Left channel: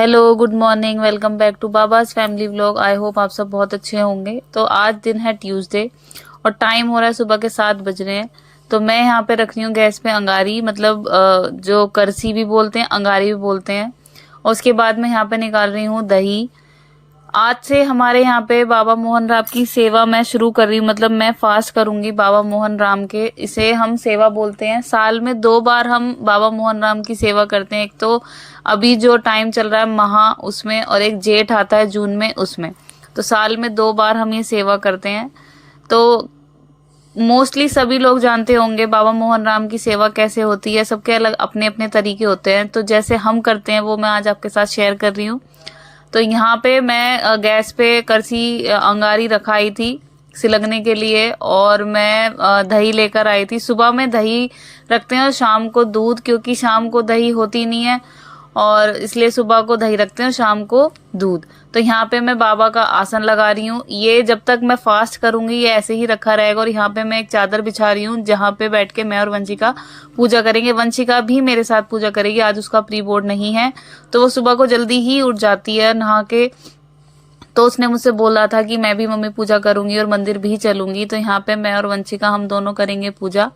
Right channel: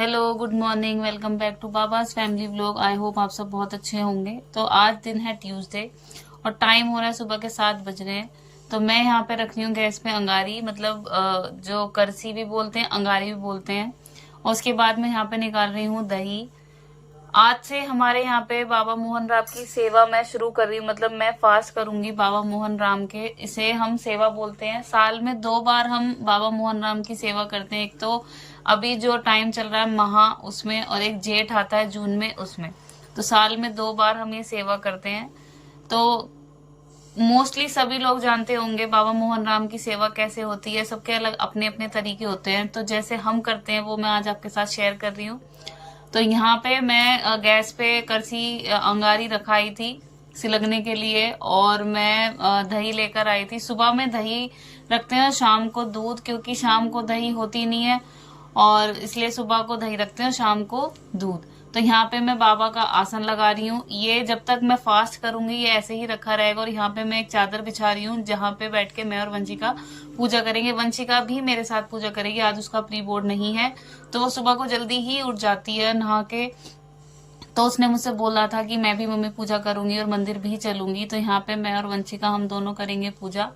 Hello, good morning. Welcome back to Baba's family vlog. I hope आप सब बहुत अच्छे होंगे। तो आज दिन है ट्यूसडे और टाइम हो रहा है सुबह के 7 बज रहे हैं। तो मैं यहाँ पे रख रही हूँ गैस पे अंगारी, मतलब जो करसी भी बोलते हैं, अंगारी भी बोलते हैं। और उसके बाद मैं यहाँ पे निकाल रही हूँ दही। आज से हमारे यहाँ पे बाबा मोहन राम की सेवा मैं शुरू कर रही हूँ, मतलब मैं फास्ट करूंगी बाबा मोहन राम के। इसे हम सेवा बोलते हैं। साल में 2 बार हम बाबा मोहन राम की सेवा करते हैं। एक तो अभी जो टाइम चल रहा है महा, उसमें, और एक जेठ आता है जून में, उसमें। तो साल में 2 बार हम ये सेवा करते हैं। तो मोस्टली सभी लोग जानते होंगे बाबा मोहन राम की सेवा कैसे होती है। सबके अलग अपने अपने तरीके होते हैं। तो जैसे हम करते हैं वो मैं आज आपके साथ शेयर कर रही हूँ। तो यहाँ पे मैं गैस पे करसी अंगारी रखाई थी सिलगने के लिए, और मैं दही लेकर आई थी। सुबह में दही रखते हैं और शाम को दूध, क्योंकि शाम को दही होती नहीं है, और इसलिए सुबह को दही रखते हैं और शाम को दूध। तो यहाँ पे मैं बाबा का आसन लगा रही हूँ। ये जब तक मैं फास्ट करूंगी ये ऐसे ही रखा रहेगा। और यहाँ पे मैं एक चादर बिछा रही हूँ जहाँ पे बैठ के मैं और वंशिका पूजा करेंगे। वंशिका भी मेरे साथ पूजा करेगी। आज उसका प्री बोर्ड नहीं है, तो वो सुबह को जल्दी ही उठ जाती है नहा के। तो उसने मुझसे बोला था कि मैं भी मम्मी पूजा करूंगी और मंदिर भी चलूंगी। तो यहाँ पे मैं और वंशिका हम दोनों करेंगे पूजा।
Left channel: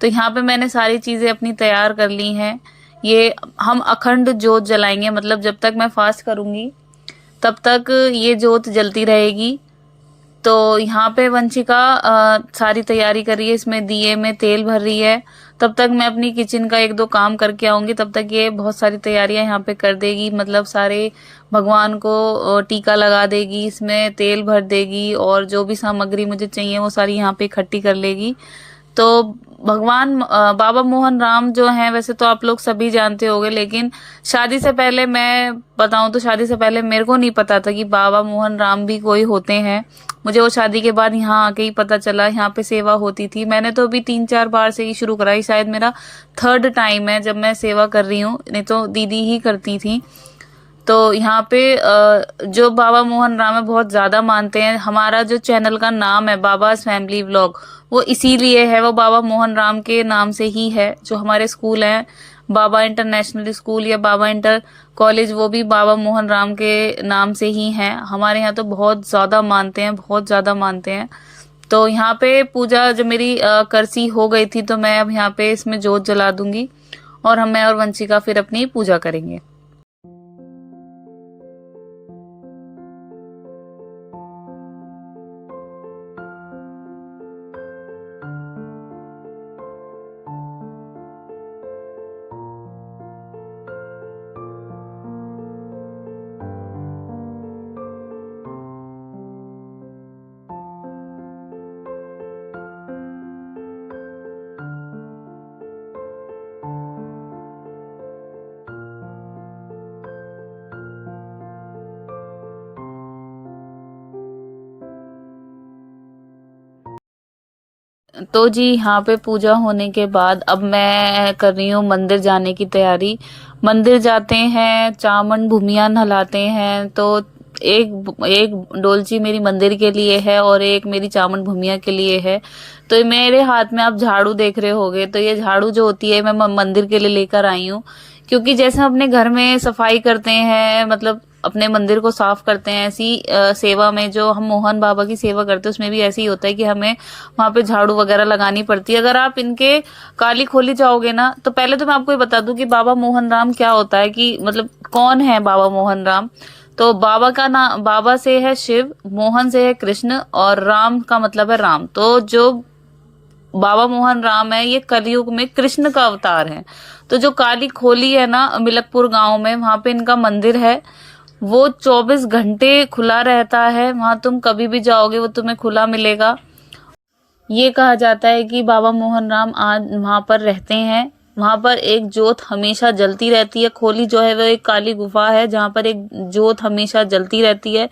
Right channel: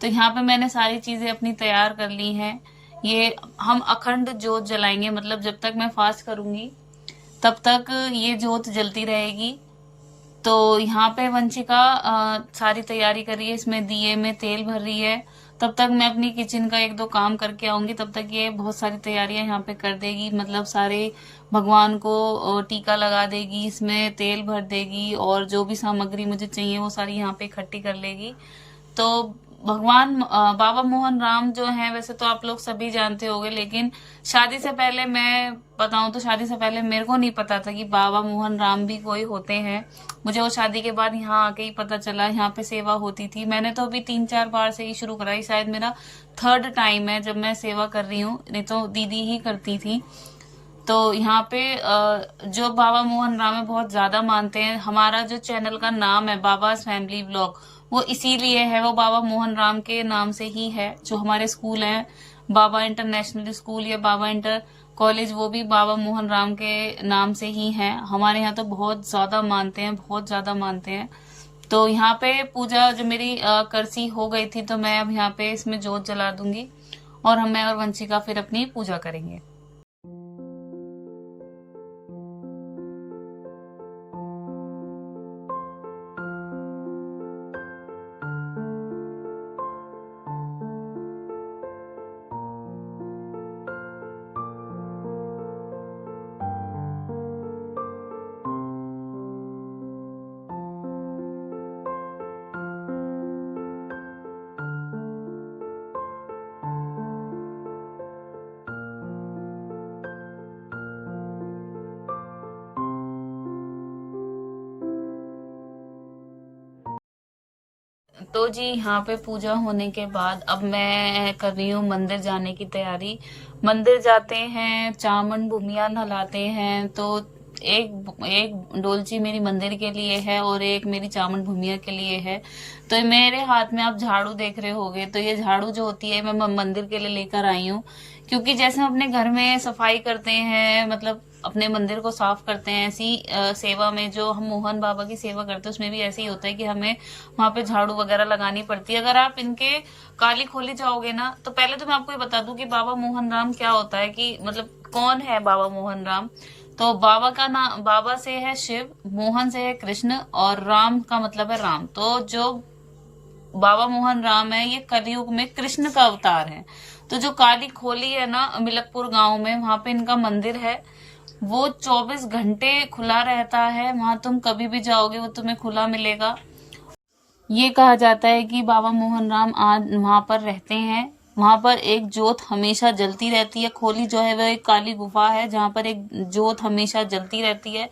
तो यहाँ पे मैंने सारी चीजें अपनी तैयार कर ली हैं। ये हम अखंड जोत जलाएंगे, मतलब जब तक मैं फास्ट करूंगी तब तक ये जोत जलती रहेगी। तो यहाँ पे वंशिका सारी तैयारी कर रही है, इसमें दिए में तेल भर रही है। तब तक मैं अपनी किचन का 1-2 काम करके आऊंगी। तब तक ये बहुत सारी तैयारियां यहाँ पे कर देगी, मतलब सारे भगवान को टीका लगा देगी, इसमें तेल भर देगी, और जो भी सामग्री मुझे चाहिए वो सारी यहाँ पे इकट्ठी कर लेगी। तो भगवान बाबा मोहन राम जो हैं, वैसे तो आप लोग सभी जानते होंगे, लेकिन शादी से पहले मैं बताऊं तो शादी से पहले मेरे को नहीं पता था कि बाबा मोहन राम भी कोई होते हैं। मुझे वो शादी के बाद यहाँ आके ही पता चला। यहाँ पे सेवा होती थी। मैंने तो अभी 3-4 बार से ही शुरू कराई, शायद मेरा 3rd टाइम है जब मैं सेवा कर रही हूँ, नहीं तो दीदी ही करती थी। तो यहाँ पे जो बाबा मोहन राम है बहुत ज्यादा मानते हैं। हमारा जो चैनल का नाम है बाबाज फैमिली व्लॉग, वो इसीलिए है, वो बाबा मोहन राम के नाम से ही है। जो हमारे स्कूल है, बाबा इंटरनेशनल स्कूल या बाबा इंटर कॉलेज, वो भी बाबा मोहन राम के नाम से ही है। हमारे यहाँ तो बहुत ज्यादा मानते हैं, बहुत ज्यादा मानते हैं। तो यहाँ पे पूजा जब मेरी करसी हो गई थी, तो मैं अब यहाँ पे इसमें जोत जला दूंगी, और मैं और वंशिका फिर अपनी पूजा करेंगे। तो जी यहाँ पे पूजा होने के बाद अब मैं कर रही हूँ मंदिर जाने की तैयारी। मंदिर जाते हैं, चामन भूमिया नहलाते हैं। तो एक एक डोलची मेरी मंदिर के लिए है और एक मेरी चामन भूमिया के लिए है। तो मेरे हाथ में आप झाड़ू देख रहे होगे, तो ये झाड़ू जो होती है मैं मंदिर के लिए लेकर आई हूँ। क्योंकि जैसे हम अपने घर में सफाई करते हैं, मतलब अपने मंदिर को साफ करते हैं, ऐसी सेवा में जो हम मोहन बाबा की सेवा करते हैं उसमें भी ऐसे ही होता है कि हमें वहां पे झाड़ू वगैरह लगानी पड़ती है। अगर आप इनके काली खोली जाओगे ना, तो पहले तो मैं आपको ये बता दूं कि बाबा मोहन राम क्या होता है, कि मतलब कौन है बाबा मोहन राम। तो बाबा का नाम, बाबा से है शिव, मोहन से है कृष्ण, और राम का मतलब है राम। तो जो बाबा मोहन राम है ये कलयुग में कृष्ण का अवतार है। तो जो काली खोली है ना मिलकपुर गांव में, वहां पे इनका मंदिर है। वो 24 घंटे खुला रहता है। वहां तुम कभी भी जाओगे वो तुम्हें खुला मिलेगा। ये कहा जाता है कि बाबा मोहन राम आज वहां पर रहते हैं। वहां पर एक जोत हमेशा जलती रहती है। खोली जो है वो एक काली गुफा है जहां पर एक जोत हमेशा जलती रहती है।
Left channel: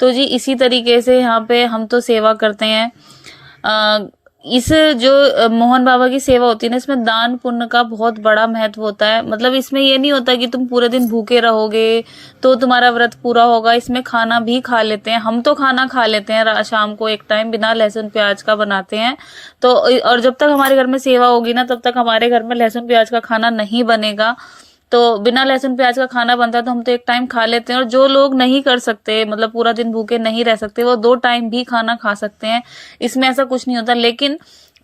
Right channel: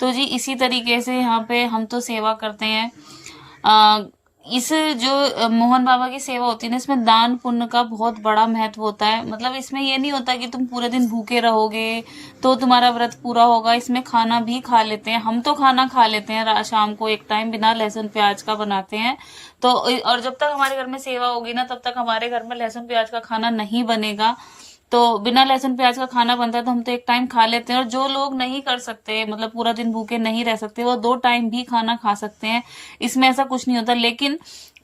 तो जी इसी तरीके से यहाँ पे हम तो सेवा करते हैं। आ, इस जो मोहन बाबा की सेवा होती है ना, इसमें दान पुण्य का बहुत बड़ा महत्व होता है। मतलब इसमें ये नहीं होता कि तुम पूरे दिन भूखे रहोगे तो तुम्हारा व्रत पूरा होगा। इसमें खाना भी खा लेते हैं, हम तो खाना खा लेते हैं शाम को एक टाइम बिना लहसुन प्याज का बनाते हैं। तो और जब तक हमारे घर में सेवा होगी ना, तब तक हमारे घर में लहसुन प्याज का खाना नहीं बनेगा। तो बिना लहसुन प्याज का खाना बनता है तो हम तो एक टाइम खा लेते हैं, और जो लोग नहीं कर सकते, मतलब पूरा दिन भूखे नहीं रह सकते, वो 2 टाइम भी खाना खा सकते हैं। इसमें ऐसा कुछ नहीं होता। लेकिन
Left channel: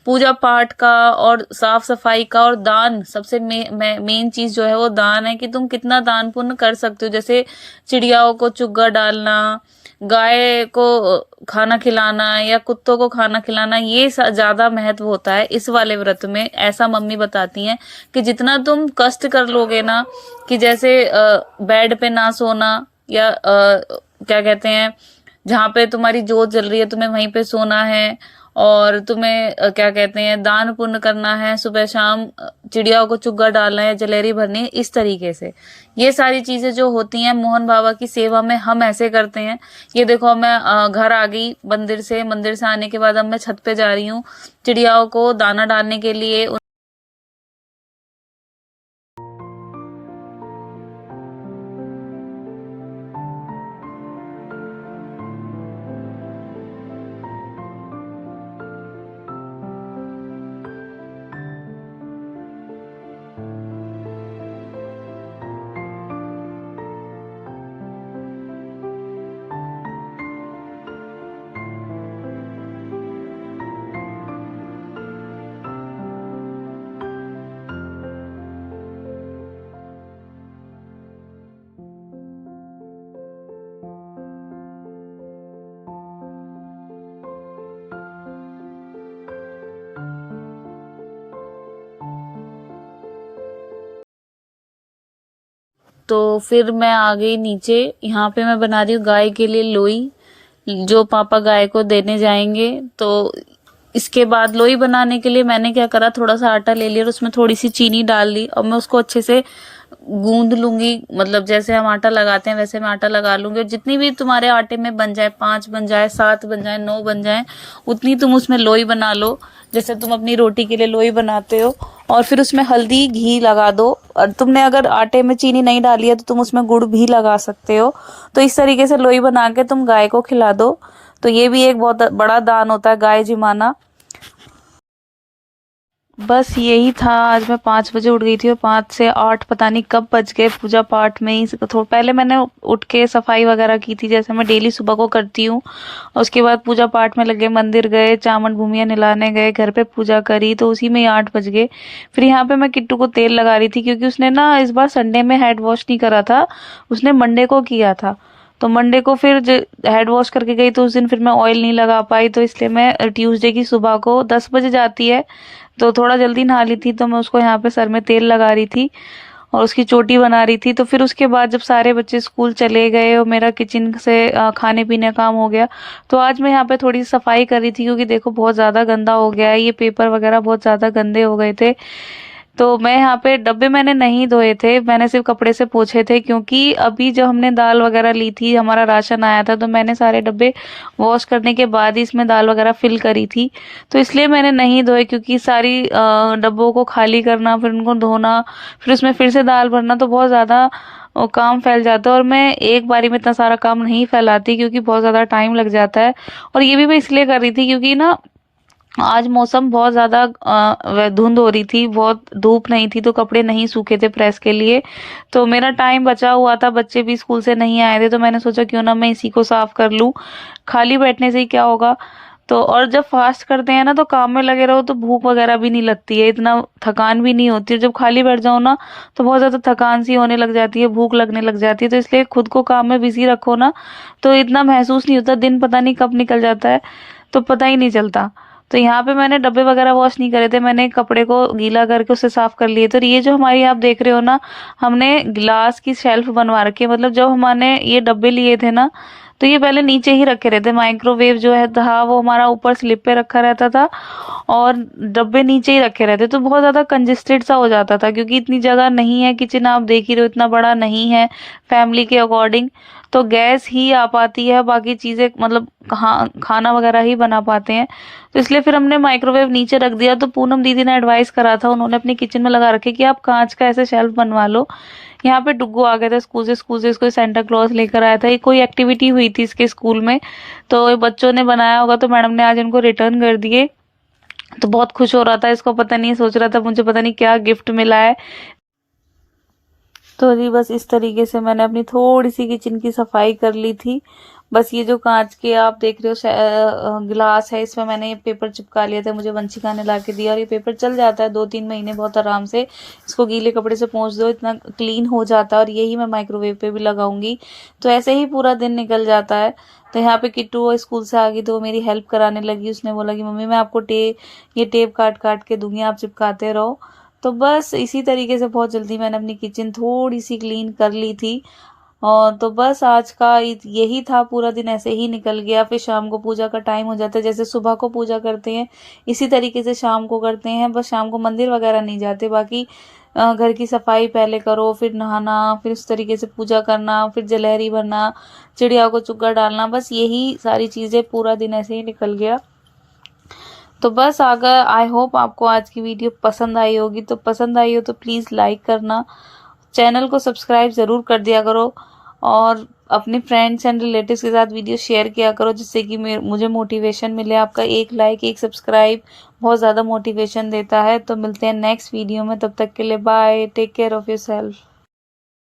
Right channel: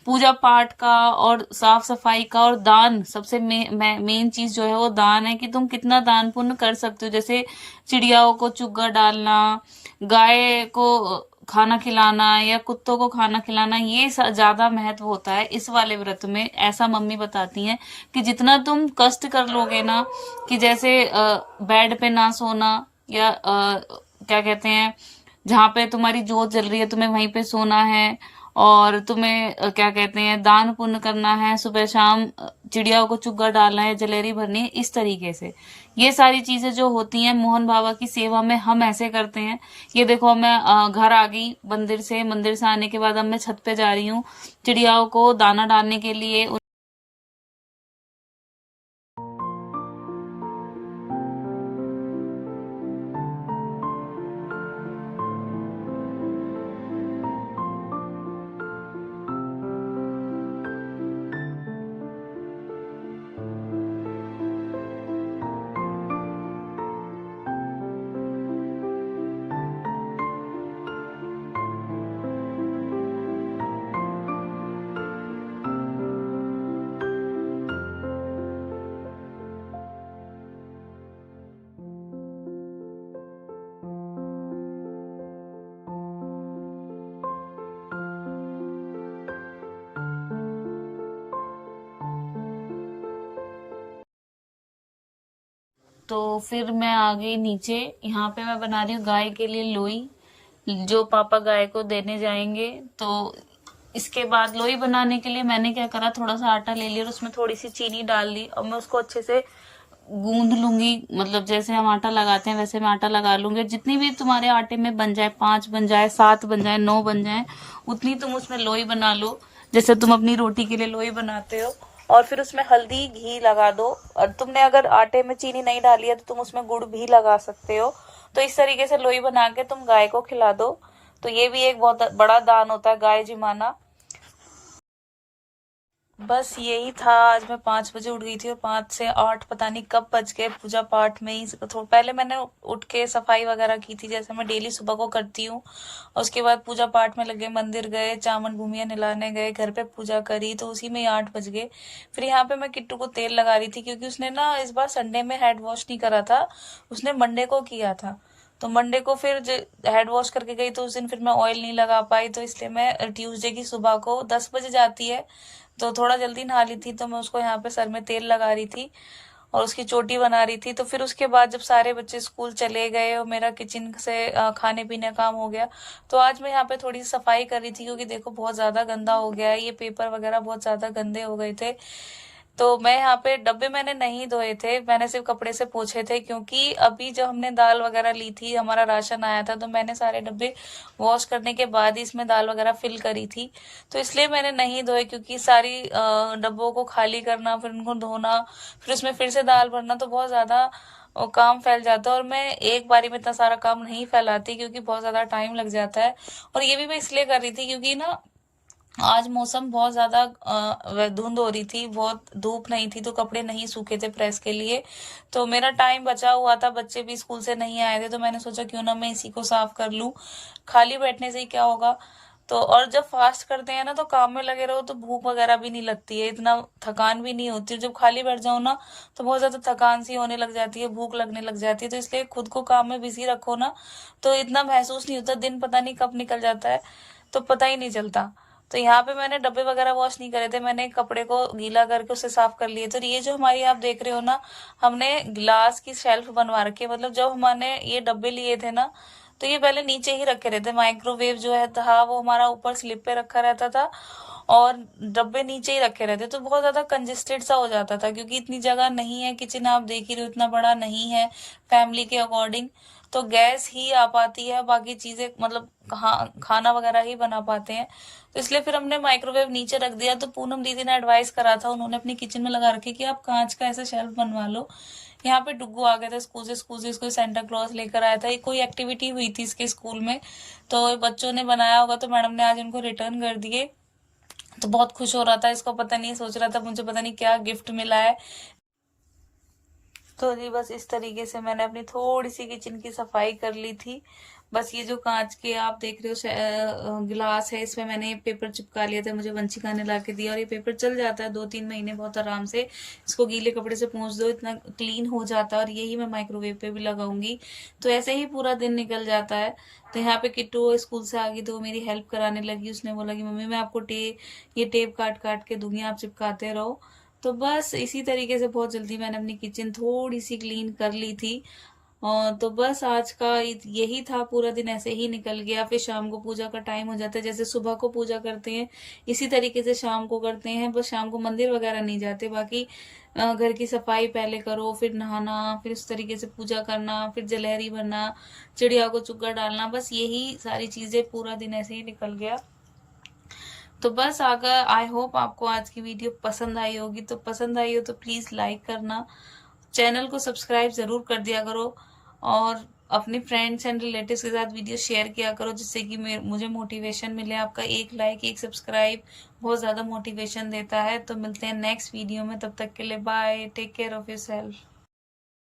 पूजा पाठ का और साफ सफाई का और दान, सबसे मेन चीज जो है वो दान है, कि तुम कितना दान पुण्य कर सकते हो। जैसे चिड़ियाओं को चुग्गा डालना, गाय को खाना खिलाना, या कुत्तों को खाना खिलाना, ये ज्यादा महत्व होता है इस वाले व्रत में। ऐसा मम्मी बताती हैं कि जितना तुम कष्ट कर लोगे ना, कि जैसे बेड पे ना सोना, या क्या कहते हैं, जहां पे तुम्हारी जोत जल रही है तुम्हें वहीं पे सोना है, और तुम्हें क्या कहते हैं, दान पुण्य करना है, सुबह शाम चिड़ियाओं को चुग्गा डालना है, जलेरी भरनी है, इस तरीके से। ये सारी चीजें जो होती हैं मोहन बाबा की सेवा में हम ऐसे करते हैं। ये देखो, मैं घर आ गई मंदिर से, मंदिर से आने के बाद अब मैं छत पे जा रही हूँ चिड़ियाओं को दाना डालने के लिए। तो फिर मैं आ गई नीचे। यहाँ पे मैं बना रही हूँ गाय के लिए लोई, जो पापा गाय को देने जाएंगे। तो इसके बाद लोई बनाने के लिए मैंने क्या करा, थोड़ा सा आटा ले लिया और उसमें थोड़ी सी चीनी डाल ली, और मैं उसको अच्छे से गूंद लूंगी। मतलब जैसे हम आटा लगाते हैं वैसे मैं आटा लगा लूंगी, और जितनी भी तुम्हारे आटे में बन जाए, 5 बन जाए, 7 बन जाए, 9 बन जाए, उतनी तुम उसमें लोई बना लो, जैसे तुम अपनी रोटी के लिए लोई बनाते हो। और फिर उसमें हल्दी घी लगा दो, और तुमने अगर आटे में चीनी नहीं डाली है तो तुम उसमें गुड़ भी लगा सकते हो। तो इस तरीके से लोई बना के तुम गाय को खिला दो। तो ये भी एक बहुत बड़ा दान होता है, गाय जिमाना। बस यही था। आज मैं 5 बजे उठ गई थी, और 5 से 8 पता नहीं कब बज गए, पूजा पाठ में ही थोड़ा पहले मैंने उठ के सफाई वगैरह की थी, जैसे मैं डेली सुबह को करती हूँ। और उसके बाद पूजा पाठ में लगे, मंदिर गए, चावल भूमिया नहलाने गए, घर पे पूजा करी, तो उसी में ही 8 बज गए। फिर यहाँ पे मैं किट्टू को तेल लगा रही थी, क्योंकि उसने ना इस बार संडे में हेड वॉश नहीं करा था, उसने मंडे को किया था। तो मंडे को फिर हेड वॉश करके गई, तो उस दिन फिर मैं ऑयल नहीं लगा पाई, तो इसलिए मैं ट्यूसडे की सुबह को 10 बजे जाती है, तो थोड़ा जल्दी नहा ली थी, तो मैं उसको यहाँ पे सर में तेल लगा रही थी और उसकी चोटी बना रही थी। तो फिर उसके बाद जब सारे बच्चे स्कूल चले गए और मेरा किचन से खाने पीने का काम हो गया, तो आज मैं यहाँ पे थोड़ी सफाई कर रही थी, क्योंकि देखो बहुत ज्यादा गंदा हो गया है, ये पेपर वगैरह बहुत ज्यादा गंदे हो गए थे। तो मैं यहाँ पे डब्बे मैंने नहीं धोए थे, मैंने सिर्फ कपड़े से पोंछे थे, क्योंकि अभी जब हमने दाल वगैरह ली थी, हमारा राशन आया था, तो मैंने सारे डब्बे वॉश करने के बाद ही इसमें दाल वगैरह फिल करी थी। तो इसलिए मैंने नहीं धोए, क्योंकि सारी डब्बों को खाली करना, फिर उनको धोना, फिर उसमें फिर से दाल भरना, तो बहुत ज्यादा काम फैल जाता है। और मैं एक बारी में इतना सारा काम नहीं फैलाती, क्योंकि बहुत ज्यादा टाइम लग जाता है। और ये भी मैं इसलिए कर रही थी क्योंकि ना आज मौसम बहुत ज्यादा धुंध हो रही थी, बहुत धूप नहीं थी, तो कपड़े नहीं सूखे थे प्रेस के लिए। तो मेरा टाइम बचा हुआ था, बच्चे भी स्कूल से नहीं आए थे, तो मैंने सोचा क्यों ना मैं इसी को साफ कर लूं, खाली बैठने से ही क्या होगा। तो और जब फास्ट करते हैं ना, तो काम में लगे रहो तो भूख वगैरह भी नहीं लगती है, इतना थकान भी नहीं होती है। जब खाली बैठ जाओ ना, तो बहुत ज्यादा थकान सी होने लग जाती है, भूख लगने लग जाती है। तो इसलिए खुद को काम में बिजी रखो ना, तो इतना महसूस नहीं होता, दिन पता नहीं कब निकल जाता है, तो पता ही नहीं चलता। तो यहाँ पे मैंने डब्बे वगैरह वॉश नहीं करे थे, मैंने कपड़े को गीला करके उसे साफ कर लिए। तो ये जो हमारी आप देख रहे हो ना, हमने ग्लास की शेल्फ बनवा रखी है। मतलब जब हमने ये डब्बे लिए थे ना, तो ये पहले नीचे ही रखे रहते, माइक्रोवेव जो है था वो हमारा ऊपर स्लिप पे रखा रहता था, और डब्बे नीचे ही रखे रहते, तो बहुत ज्यादा कंजेस्टेड सा हो जाता था, क्योंकि इतनी जगह नहीं है, किचन आप देख ही रहे हो इतना बड़ा नहीं है फैमिली के अकॉर्डिंग। तो गैस ही आ पाती है, बाकी चीजें मतलब खाना वगैरह ही बना पाते हैं। तो इसलिए फिर हमने माइक्रोवेव नीचे रख दिया। तो पूनम दीदी ने एडवाइस करा था, उन्होंने अपने किचन में लगा रखे कि आप कांच का ऐसे शेल्फ बनवा लो। यहाँ पे डुग्गू आ गया था स्कूल से इसको सेंटा क्लॉज लेकर आया था, ये कोई एक्टिविटी हुई थी इसके स्कूल में, तो ये बच्चों ने बनाया होगा, तो मैडम ने आज इनको रिटर्न कर दिए। तो बहुत खुश हो रहा था, इसको पता नहीं, सोच रहा था मुझे पता नहीं क्या गिफ्ट मिला है। तो जी बस इस तरीके से मैंने अपनी थोड़ी सी किचन की सफाई कर ली थी। बस ये जो कांच के आप देख रहे हो गिलास है, इसमें मैंने पेपर चिपका लिया था, मुझे वंशिका ने ला के दिया, और ये पेपर चल जाता है 2-3 महीने बहुत आराम से। इसको गीले कपड़े से पोंछ दो, इतना क्लीन हो जाता है, और यही मैं माइक्रोवेव पे भी लगाऊंगी। तो ऐसे ही पूरा दिन निकल जाता है। तो यहाँ पे किट्टू स्कूल से आ गई, तो वो मेरी हेल्प कराने लगी। उसने बोला कि मम्मी मैं आपको ये टेप काट काट के दूंगी, आप चिपकाते रहो। तो बस इसी तरीके से बहुत जल्दी मैंने अपनी किचन थोड़ी सी क्लीन कर ली थी। और तो बस आज का यही था, पूरा दिन ऐसे ही निकल गया। फिर शाम को पूजा का टाइम हो जाता है, जैसे सुबह को पूजा करते हैं इसी तरीके से शाम को करते हैं। बस शाम को मंदिर वगैरह नहीं जाते, बाकी घर की सफाई पहले करो, फिर नहाना, फिर उस तरीके से पूजा करना, फिर जलहरी भरना, चिड़िया को चुग्गा डालना, बस यही सारी चीजें, पूरा दिन ऐसे ही निकल गया। तो बस अगर आई होप आपको आज की वीडियो पसंद आई होगी, तो पसंद आई हो तो प्लीज़ लाइक करना, चैनल को सब्सक्राइब ज़रूर कर दिया करो, और अपने फ्रेंड्स एंड रिलेटिव्स के साथ वीडियो शेयर किया करो, जिससे कि मुझे मोटिवेशन मिले। आपका एक लाइक, एक सब्सक्राइब बहुत ज़्यादा मोटिवेशन देता है। तो मिलते हैं नेक्स्ट वीडियो में, तब तक के लिए bye, take care of your self.